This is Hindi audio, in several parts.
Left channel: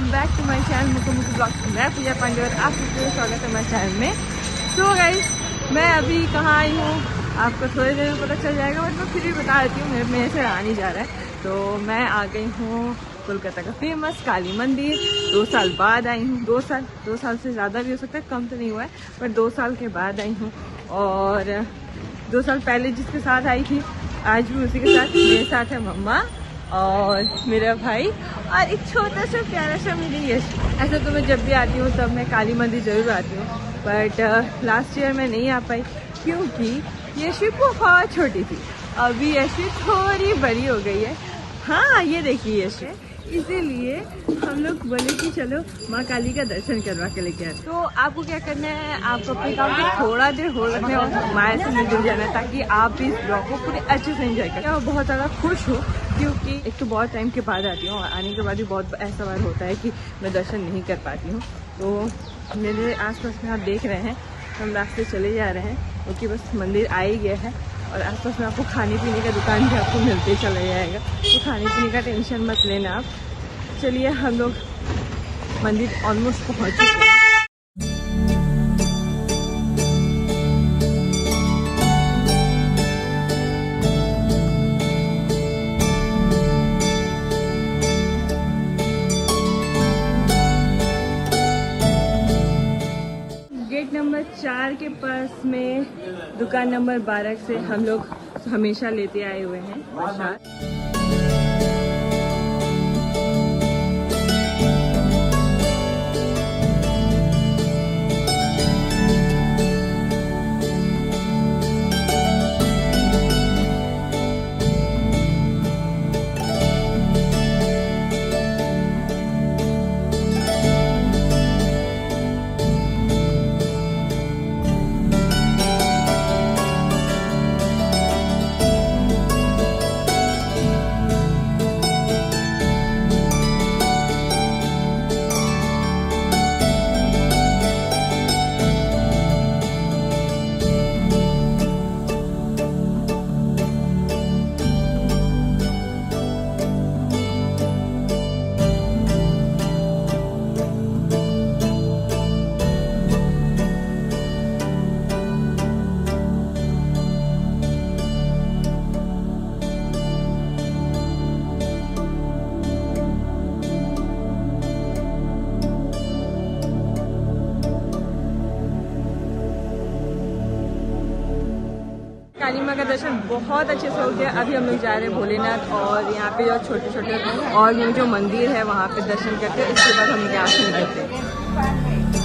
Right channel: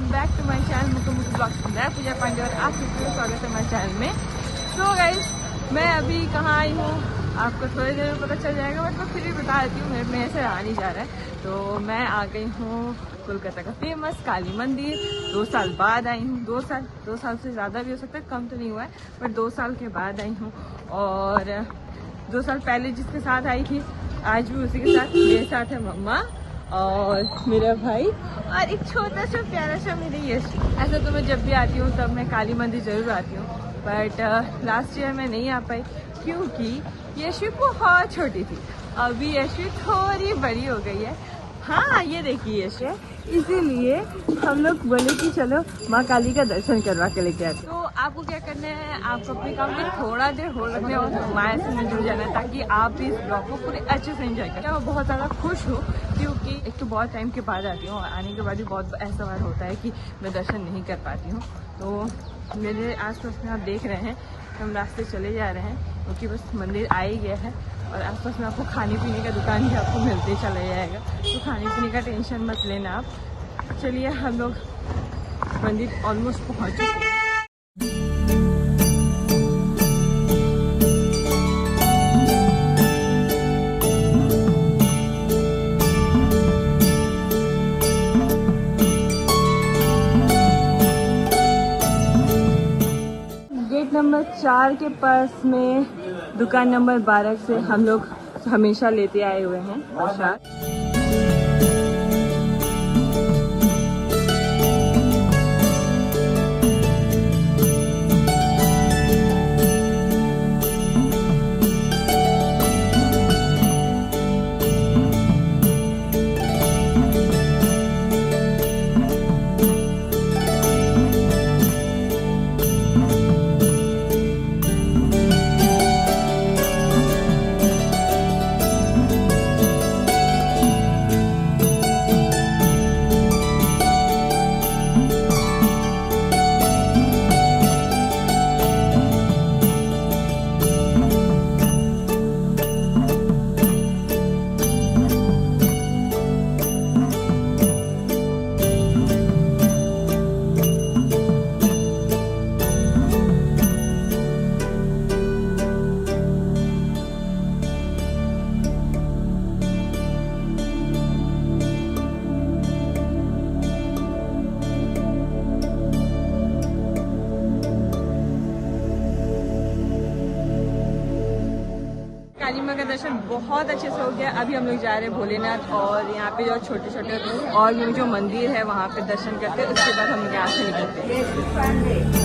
Welcome back to my channel Muku Muku blogs. मैं पूजा पांडे और आप सबका स्वागत है मेरे चैनल में। सो गाइस, मैं अभी कहाँ आई हूँ आपको थोड़ी देर में पता चल जाएगा, बट मैं फिर भी बता देती हूँ, मेरे से आ नहीं जा रहा है। तो मैं आ गई हूँ कोलकाता का फेमस काली मंदिर। 2 साल बाद आई हूँ। 2 साल से ज़्यादा भी हो सकता है, कम तो नहीं हुआ है, पर 2 साल के बाद आई हूँ। और 2 साल पहले जिसके साथ आई थी, आज भी उसी के साथ। मेरे साथ है मम्मा और मेरा भाई और एक छोटा सा प्यारा सा मेरी यश। ऐसे तो मैं जब भी आती हूँ तब मैं काली मंदिर जरूर आती हूँ, बट लास्ट ईयर मैं नहीं आ पाई क्योंकि यशी बहुत छोटी थी। अभी यशी थोड़ी बड़ी हो गई है। हाँ, ये देखिए यश है, इसीलिए हम लोग बोले कि चलो माँ काली का दर्शन करवा के लेके आते। तो आपको क्या करना है, आपको अपने काम को थोड़ा देर होल्ड रखना है और माया से मिल जाना है, ताकि आप भी इस ब्लॉग को पूरे अच्छे से एंजॉय करें। मैं बहुत ज़्यादा खुश हूँ क्योंकि एक तो बहुत टाइम के बाद आती हूँ और आने के बाद भी बहुत ऐसा बार होता है कि मैं दर्शन नहीं कर पाती हूँ। तो मेरे आसपास में आप देख रहे हैं, हम रास्ते चले जा रहे हैं क्योंकि बस मंदिर आ ही गया है। और आसपास में आपको खाने पीने का दुकान भी आपको मिलते चला जाएगा, तो खाने पीने का टेंशन मत लेना आप। तो चलिए, हम लोग मंदिर ऑलमोस्ट पहुँच चुके हैं। गेट नंबर 4 के पास में दुकान नंबर 12 से हम लोग हमेशा लेते आए हुए हैं प्रसाद। काली माँ का दर्शन बहुत अच्छे से हो गया। अभी हम लोग जा रहे हैं भोलेनाथ और यहाँ पे जो छोटे छोटे और भी जो मंदिर है वहाँ पे दर्शन करते हैं। उसके बाद हम यहाँ से निकलते हैं।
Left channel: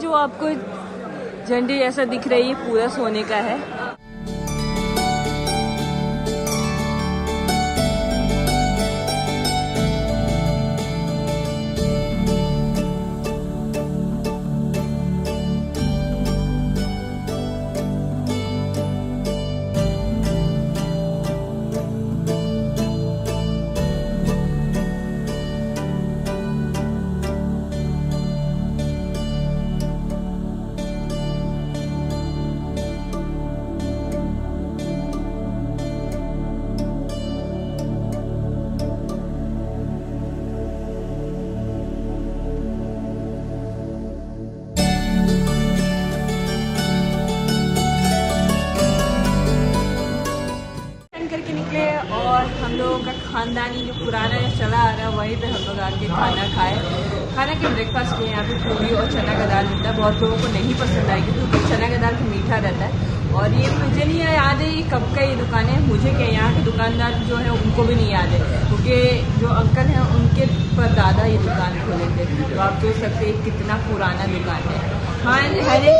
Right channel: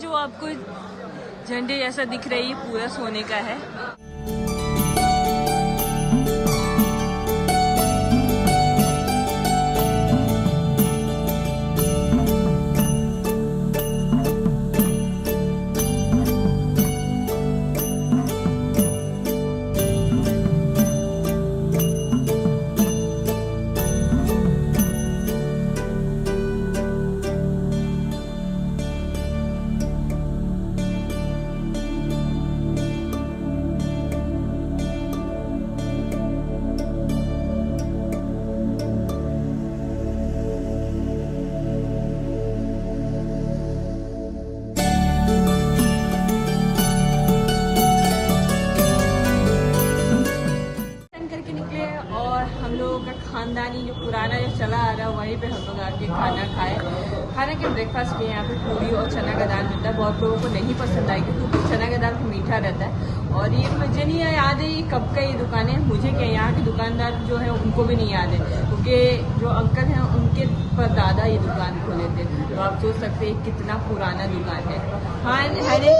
जो आपको झंडी जैसा दिख रही है पूरा सोने का है। चना का दाल मिलता है। बहुत लोगों को नहीं पसंद आएगी क्योंकि चना का दाल मीठा रहता है। और ये मुझे नहीं याद है ये कब का ये दुकान है, मुझे क्या यहाँ के दुकानदार जो है उनको भी नहीं याद है, क्योंकि जो अंकल हैं उनके परदादा ये दुकान खोले थे। तो आप सोच सकते हैं कितना पुराना दुकान है। हाँ हरे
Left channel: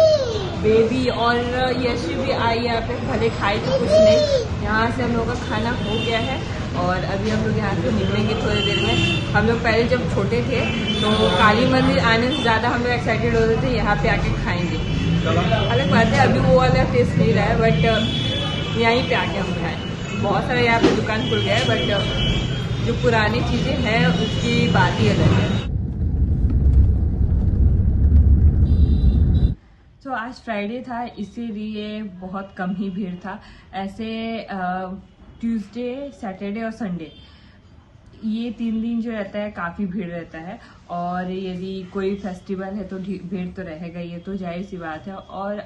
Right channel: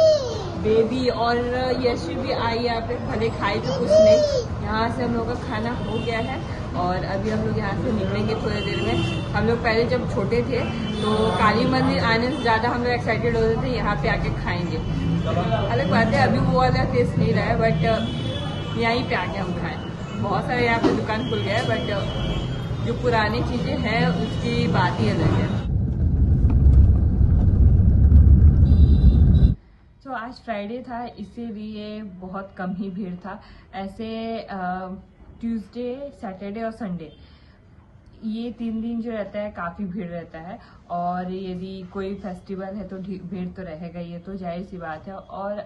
बेबी और यशी भी आई यहाँ पे, भले खाए तो कुछ नहीं। यहाँ से हम लोग का खाना हो गया है और अभी हम लोग यहाँ से निकलेंगे थोड़ी देर में। हम लोग पहले जब छोटे थे तो काली मंदिर आने से ज़्यादा हम लोग एक्साइटेड होते थे यहाँ पे आके खाएंगे। अलग बात है अभी वो वाला टेस्ट नहीं रहा है, बट यहीं पे आके हम खाएं। बहुत सारे यहाँ पे दुकान खुल गए, बट जो पुरानी चीज़ें हैं उसकी बात ही अलग है। तो आज फ्राइडे था इसीलिए बहुत कम ही भीड़ था। ऐसे ट्यूसडे, सैटरडे और संडे ये 3 दिन जो रहता है काफ़ी भीड़ रहता है। और यदि कोई फेस्टिवल है तो भीड़ तो रहेगा, ये तो जाहिर सी बात है। और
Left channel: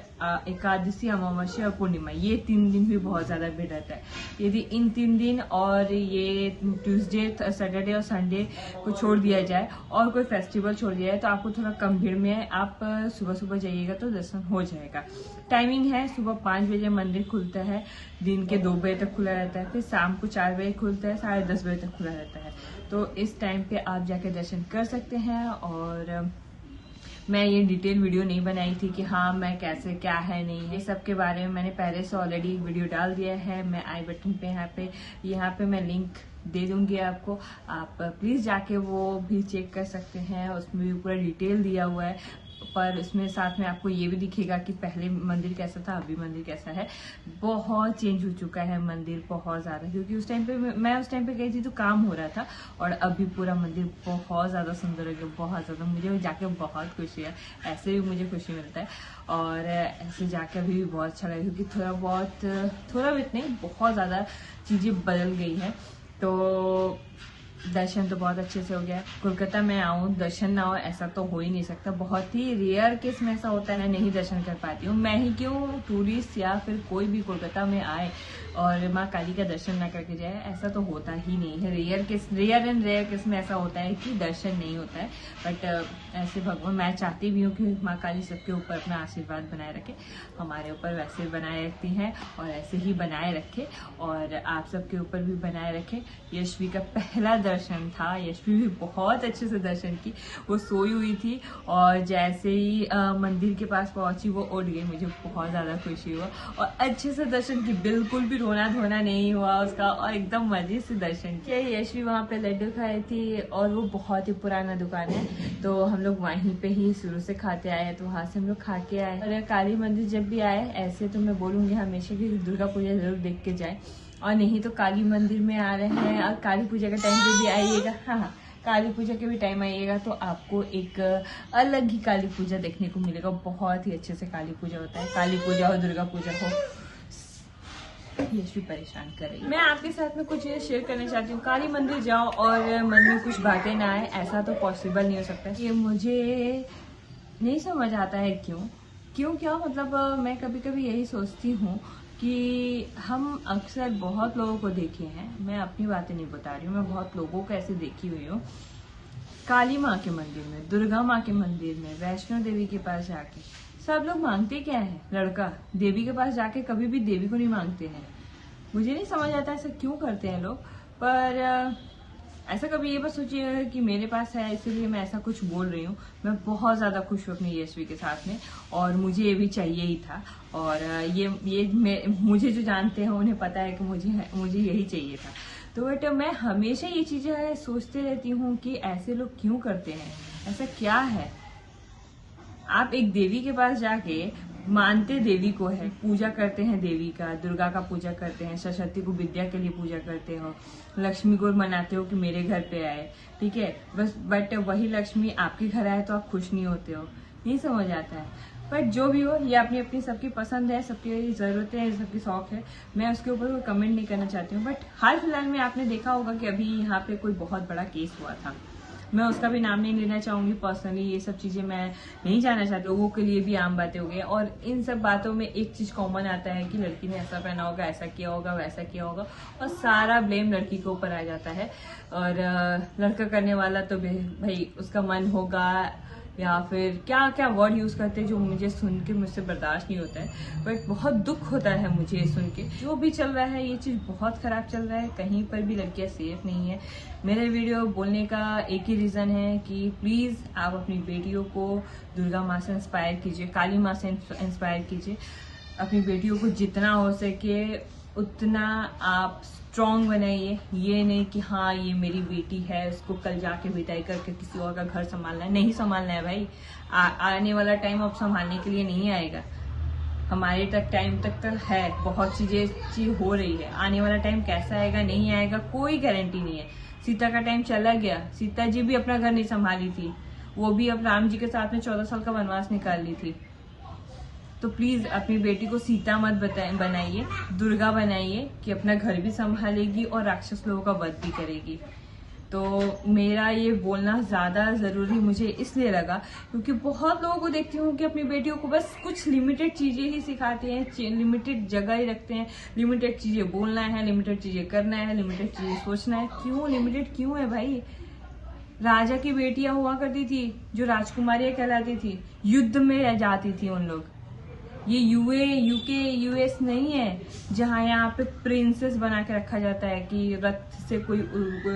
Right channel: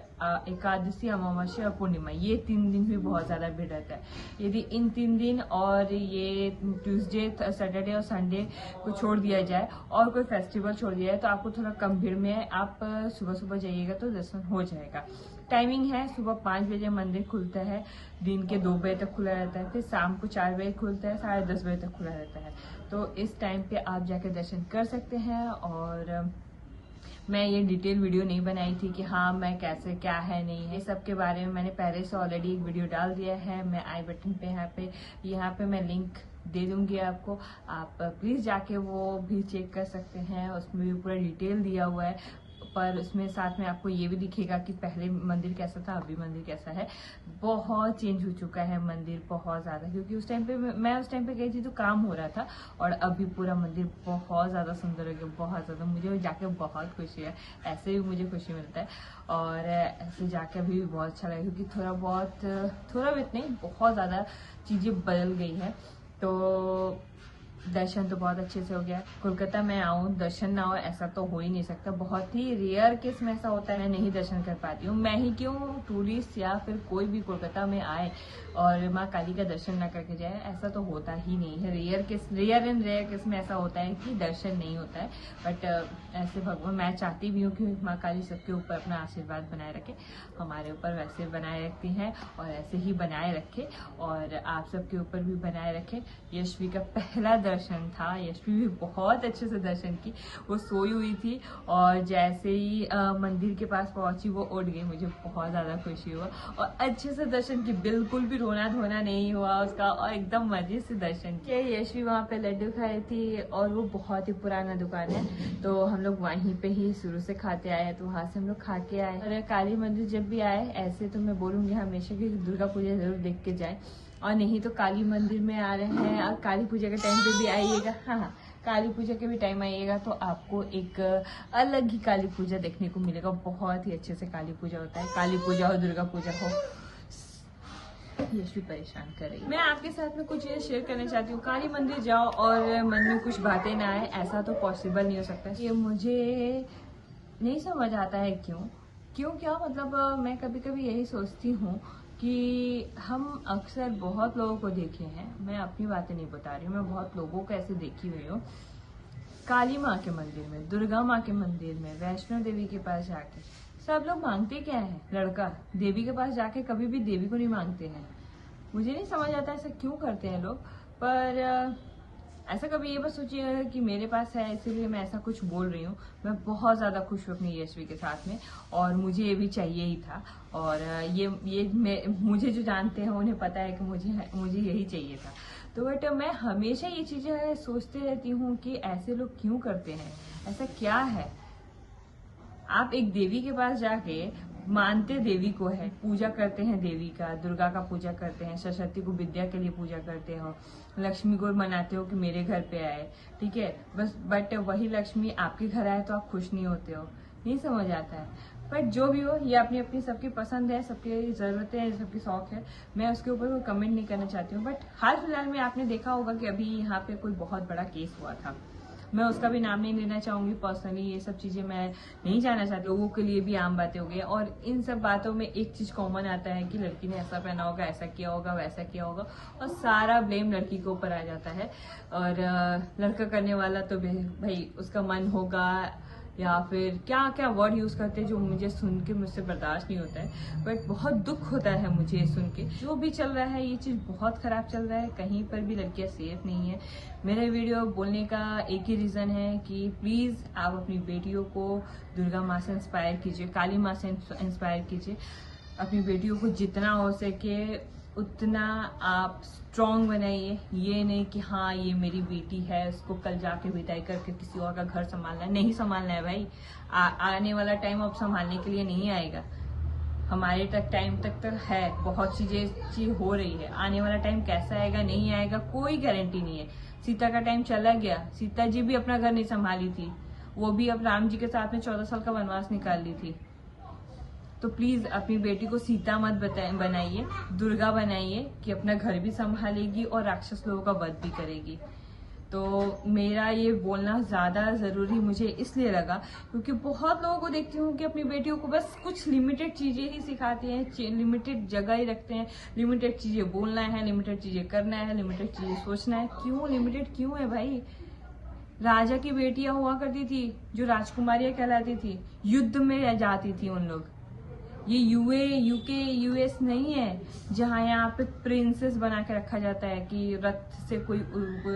एकादशी, अमावस्या और पूर्णिमा ये 3 दिन भी बहुत ज़्यादा भीड़ रहता है। यदि इन 3 दिन और ये ट्यूसडे, सैटरडे और संडे को छोड़ दिया जाए और कोई फेस्टिवल छोड़ दिया जाए तो आपको थोड़ा कम भीड़ में आप सुबह सुबह जाइएगा तो दर्शन हो जाएगा। टाइमिंग है सुबह 5 बजे मंदिर खुलता है, दिन के 2 बजे तक खुला रहता है, फिर शाम को 4 बजे खुलता है, 10:30 बजे तक खुला रहता है। तो इस टाइम पे आप जाके दर्शन कर सकते हैं। और मैं ये डिटेल वीडियो नहीं बनाई थी कि हाँ मैं कैसे क्या है नहीं है, सब के बारे में मैंने पहले से ऑलरेडी एक वीडियो डाल दिया है। मैं आई बटन पे यहाँ पे मैं लिंक दे दूंगी आपको, आप प्लीज़ जाके वो भी चेक कर सकते हैं। उसमें भी पूरा डिटेल दिया हुआ है, पर उसमें साथ में आपको ये भी दिखेगा कि पहले मंदिर कैसा था, अभी मंदिर कैसा है। बहुत चेंज हो चुका है मंदिर, बहुत ज़्यादा, क्योंकि उस टाइम पे मैं उस टाइम पे गई थी तो काम हो रहा था। और अभी पूरा मंदिर बहुत ज़्यादा सुंदर है, बहुत ज़्यादा। मुझे जाके बहुत खुशी है, ऐसे भी मुझे खुशी मिलता है। और ऐसे जाके अभी भी बहुत अच्छा लगा, क्योंकि थोड़ा भी नहीं, बहुत ज़्यादा चीज़ें बदल गई हैं। तो दर्शन तो बहुत अच्छे से हो गया। कोलकाता में आऊँ दर्शन ना हो ऐसा तो हो ही नहीं सकता। बहुत ही रेयर केस में ऐसा होता है मैं नहीं दर्शन कर पाती हूँ। मैं ही क्यों, टूरिस्ट या फिर कोई भी कोलकाता में आए और माँ काली का दर्शन ना करके जाए, ऐसा तो होता ही नहीं है। रेयर केस में ऐसा होता है कि दर्शन नहीं होता है। बट ऐसे भगवान, मैं चाहती भी हूँ कि माँ काली सबके ऊपर अपना आशीर्वाद बनाए रखे, हमारे ऊपर वैसे बनाए रखती हैं और ऐसे ही बनाए रखे, और आप सबके ऊपर भी बनाए रखे। यशवी का पहला दर्शन था, यशवी भी बहुत अच्छे से दर्शन की। वो सोई हुई थी और जैसे ही मंदिर के पास पहुंची वो उठ गई। मुझे बहुत ज़्यादा खुशी हुआ और अच्छे से दर्शन की, बिल्कुल भी रोना धोना नहीं हुआ उसका, और एकदम मजे से दर्शन किया। यशवी वहाँ पे लड्डू खाए थी और वो बहुत ही पुराना दुकान है, तो हम लोग वहीं पे ही शुरू से खाते आए, तो वहाँ से हम लोग खा के आए। और काली मंदिर जब भी आए, ऐसे तो मैं बोलूँगी हमेशा कि दुर्गा पूजा जरूर देख के जाए, और नहीं तो काली मंदिर में आ रहे हैं और काली पूजा के टाइम पे भी आइएगा। हाँ, काली पूजा के भी टाइम आइएगा तो आपको एक अलग ही काली पूजा देखने को मिलेगा। बहुत ही अच्छे से काली पूजा होता है, काली पूजा हो, दुर्गा पूजा हो। यशवी परेशान कर रही है। मैं आपके साथ में कुछ चीज़ें शेयर करना चाहती हूँ। काली मंदिर जाओ और मन में कुछ बातें ना आए, ऐसा तो पॉसिबल नहीं हो सकता। ये मुझे नहीं समझ आता है क्यों क्या मतलब। मैं कभी कभी यही सोचती हूँ कि हम अक्सर बहुत लोगों को देखे हैं, मैं अपनी बातें नहीं बता रही हूँ, मैं बहुत लोगों को ऐसे देखी हुई हूँ, काली माँ के मंदिर में, दुर्गा माँ के मंदिर में, वैष्णो देवी के पास जाके सब लोग मांगते क्या है? लड़का। देवी के पास जाके कभी भी देवी को नहीं मांगते हैं। मुझे नहीं समझ आता ऐसा क्यों करते हैं लोग। पर ऐसा कभी ये बस सोचिएगा कि मेरे पास है इसीलिए मैं ऐसा कुछ बोल रही हूँ। मैं बहुत ज़्यादा खुश हूँ अपनी यशवी के साथ में, और मुझे ये भी चाहिए ही था। और मुझे जो जानते हैं उन्हें पता है कि मुझे यही चाहिए था। तो बट मैं हमेशा ये चीज़ें सोचते रहती हूँ कि ऐसे लोग क्यों करते हैं, ऐसा क्या है। आप एक देवी के पास जाके मानते देवी को है, पूजा करते हैं देवी का, दुर्गा का पूजा करते हैं, सरस्वती को विद्या के लिए पूजा करते हो, लक्ष्मी को मनाते हो कि मेरे घर पे आए, ठीक है बस। बट वही लक्ष्मी आपके घर आए तो आप खुश नहीं होते हो, नहीं समझ आता है। बट जो भी हो, ये अपनी अपनी सबकी पसंद है, सबकी ज़रूरतें हैं, सबकी शौक है, मैं उसके ऊपर कोई कमेंट नहीं करना चाहती हूँ। बट हाल फिलहाल में आपने देखा होगा कि अभी यहाँ पे कोई बहुत बड़ा केस हुआ था, मैं उसका भी नाम नहीं लेना चाहूँगी पर्सनली, ये सब चीज़ें मैं नहीं जानना चाहती। लोगों के लिए भी आम बातें हो गई, और इन सब बातों में एक चीज़ कॉमन आता है कि लड़की ने ऐसा पहना होगा, ऐसा किया होगा, वैसा किया होगा, और सारा ब्लेम लड़की के ऊपर आ जाता है। और लड़का करने वाला तो भाई उसका मन होगा या फिर क्या क्या वर्ड यूज़ करते हैं जो मुझे सुन के मुझसे बर्दाश्त नहीं होता है। बट बहुत दुख होता है मुझे सुन के। जो भी चल रहा है ये चीज़ बहुत ख़राब चल रहा है, कहीं पर भी लड़कियां सेफ नहीं है। मेरे वीडियो बोलने का एक ही रीज़न है कि प्लीज़ आप अपनी बेटियों को दुर्गा माँ से इंस्पायर कीजिए, काली माँ से इंस्पायर कीजिए। अपनी बेटियों को जितना हो सके उतना आप स्ट्रॉन्ग बनाइए। ये नहीं कि हाँ ये मेरी बेटी है, उसको कल जाके विदाई करके किसी और का घर संभालना है। नहीं संभालना है भाई। आने वाला टाइम अब संभालने के लिए नहीं आएगा। हमारे टाइम तक है, बहुत चीज़ हो रही है। आने वाला टाइम कैसा आएगा नहीं आएगा कोई गारंटी नहीं है। सीता का टाइम चला गया, सीता जी भी अपना घर नहीं संभाली थी, वो भी अब राम जी के साथ में 14 साल का वनवास निकाल ली थी। तो प्लीज अपनी बेटी को सीता मत बनाइए, दुर्गा बनाइए कि अपना घर भी संभालेगी और राक्षस लोगों का वध भी करेगी। तो मेरा ये बोलना ज़्यादा ज़रूरी मुझे इसलिए लगा क्योंकि बहुत लोगों को देखती हूँ कि अपनी बेटियों को बस कुछ लिमिटेड चीज़ें ही सिखाते हैं, लिमिटेड जगह ही रखते हैं, लिमिटेड चीज़ें बोलना है, लिमिटेड चीज़ें करना है, लिमिटेड चीज़ें सोचना है। क्यों लिमिटेड क्यों है भाई? राजा की बेटियां हुआ करती थी जो राजकुमारियां कहलाती थी, युद्ध में जाती थी उन लोग। ये यूके यूएस नहीं है जहाँ यहाँ पे प्रिंसेस बना के रखा जाता है कि रथ से कोई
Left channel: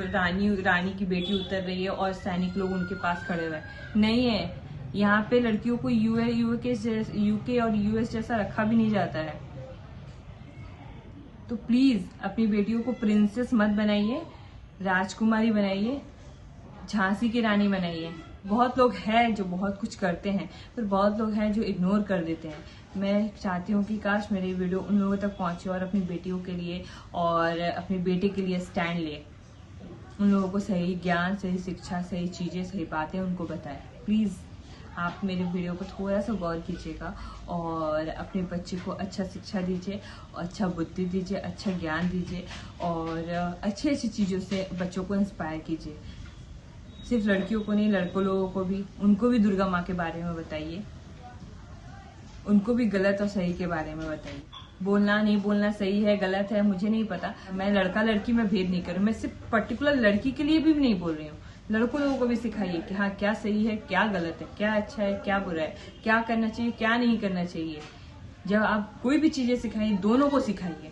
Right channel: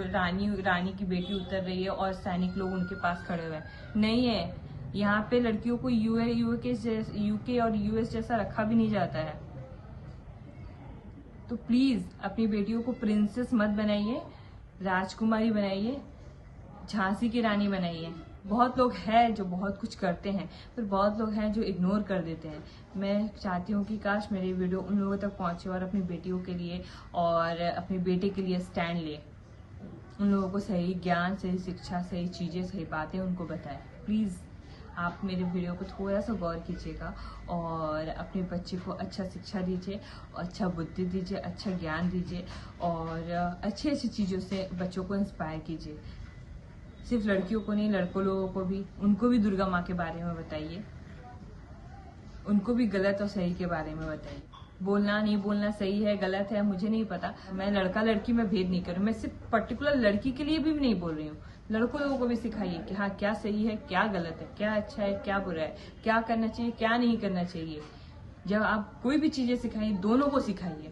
रानी की बेटी उतर रही है और सैनिक लोग उनके पास खड़े हुए हैं। नहीं है, यहाँ पे लड़कियों को यूके और यूएस जैसा रखा भी नहीं जाता है। तो प्लीज अपनी बेटियों को प्रिंसेस मत बनाइए, राजकुमारी बनाइए, झांसी की रानी बनाइए। बहुत लोग हैं जो बहुत कुछ करते हैं, फिर बहुत लोग हैं जो इग्नोर कर देते हैं। मैं चाहती हूँ कि काश मेरी वीडियो उन लोगों तक पहुँचे और अपनी बेटियों के लिए और अपने बेटे के लिए स्टैंड ले, उन लोगों को सही ज्ञान, सही शिक्षा, सही चीज़ें, सही बातें उनको बताएं। प्लीज़ आप मेरे वीडियो को थोड़ा सा गौर कीजिएगा और अपने बच्चे को अच्छा शिक्षा दीजिए, अच्छा बुद्धि दीजिए, अच्छा ज्ञान दीजिए और अच्छी अच्छी चीज़ों से बच्चों को इंस्पायर कीजिए। सिर्फ लड़कियों को नहीं, लड़कों लोगों को भी, उनको भी दुर्गा माँ के बारे में बताइए, उनको भी गलत और सही के बारे में बताइए। बोलना नहीं बोलना सही है गलत है मुझे नहीं पता, मैं लड़का लड़की में भेद नहीं करूँ, मैं सिर्फ पर्टिकुलर लड़की के लिए भी नहीं बोल रही हूँ। लड़कों लोगों को भी सिखाइए कि हाँ क्या सही है, क्या गलत है, क्या अच्छा है, क्या बुरा है, क्या करना चाहिए, क्या नहीं करना चाहिए। जब आप कोई भी चीजें सिखाइए, दोनों को सिखाइए,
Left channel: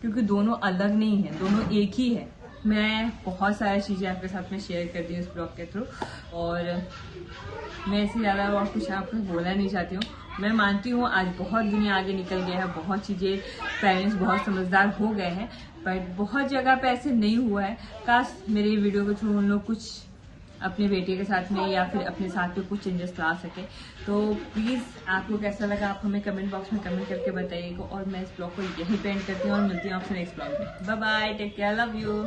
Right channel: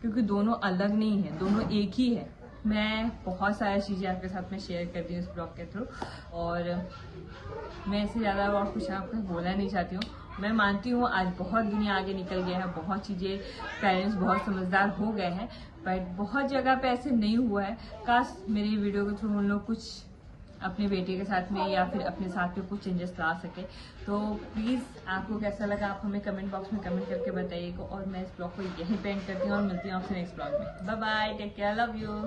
क्योंकि दोनों अलग नहीं है, दोनों एक ही है। मैं बहुत सारी चीज़ें आपके साथ में शेयर कर दी इस ब्लॉग के थ्रू और मैं इससे ज़्यादा और कुछ आपको बोलना नहीं चाहती हूँ। मैं मानती हूँ आज बहुत दुनिया आगे निकल गया है, बहुत चीज़ें, पेरेंट्स बहुत समझदार हो गए हैं, बट बहुत जगह पे ऐसे नहीं हुआ है। काश मेरे वीडियो के थ्रू उन लोग कुछ अपने बेटे के साथ में या फिर अपने साथ में कुछ चेंजेस ला सके। तो प्लीज़ आपको कैसा लगा आप हमें कमेंट बॉक्स में कमेंट करके बताइएगा और मैं इस ब्लॉग को यही पेंट करती हूँ और मिलती हूँ आपसे नेक्स्ट ब्लॉग में। Bye bye, take care, love you.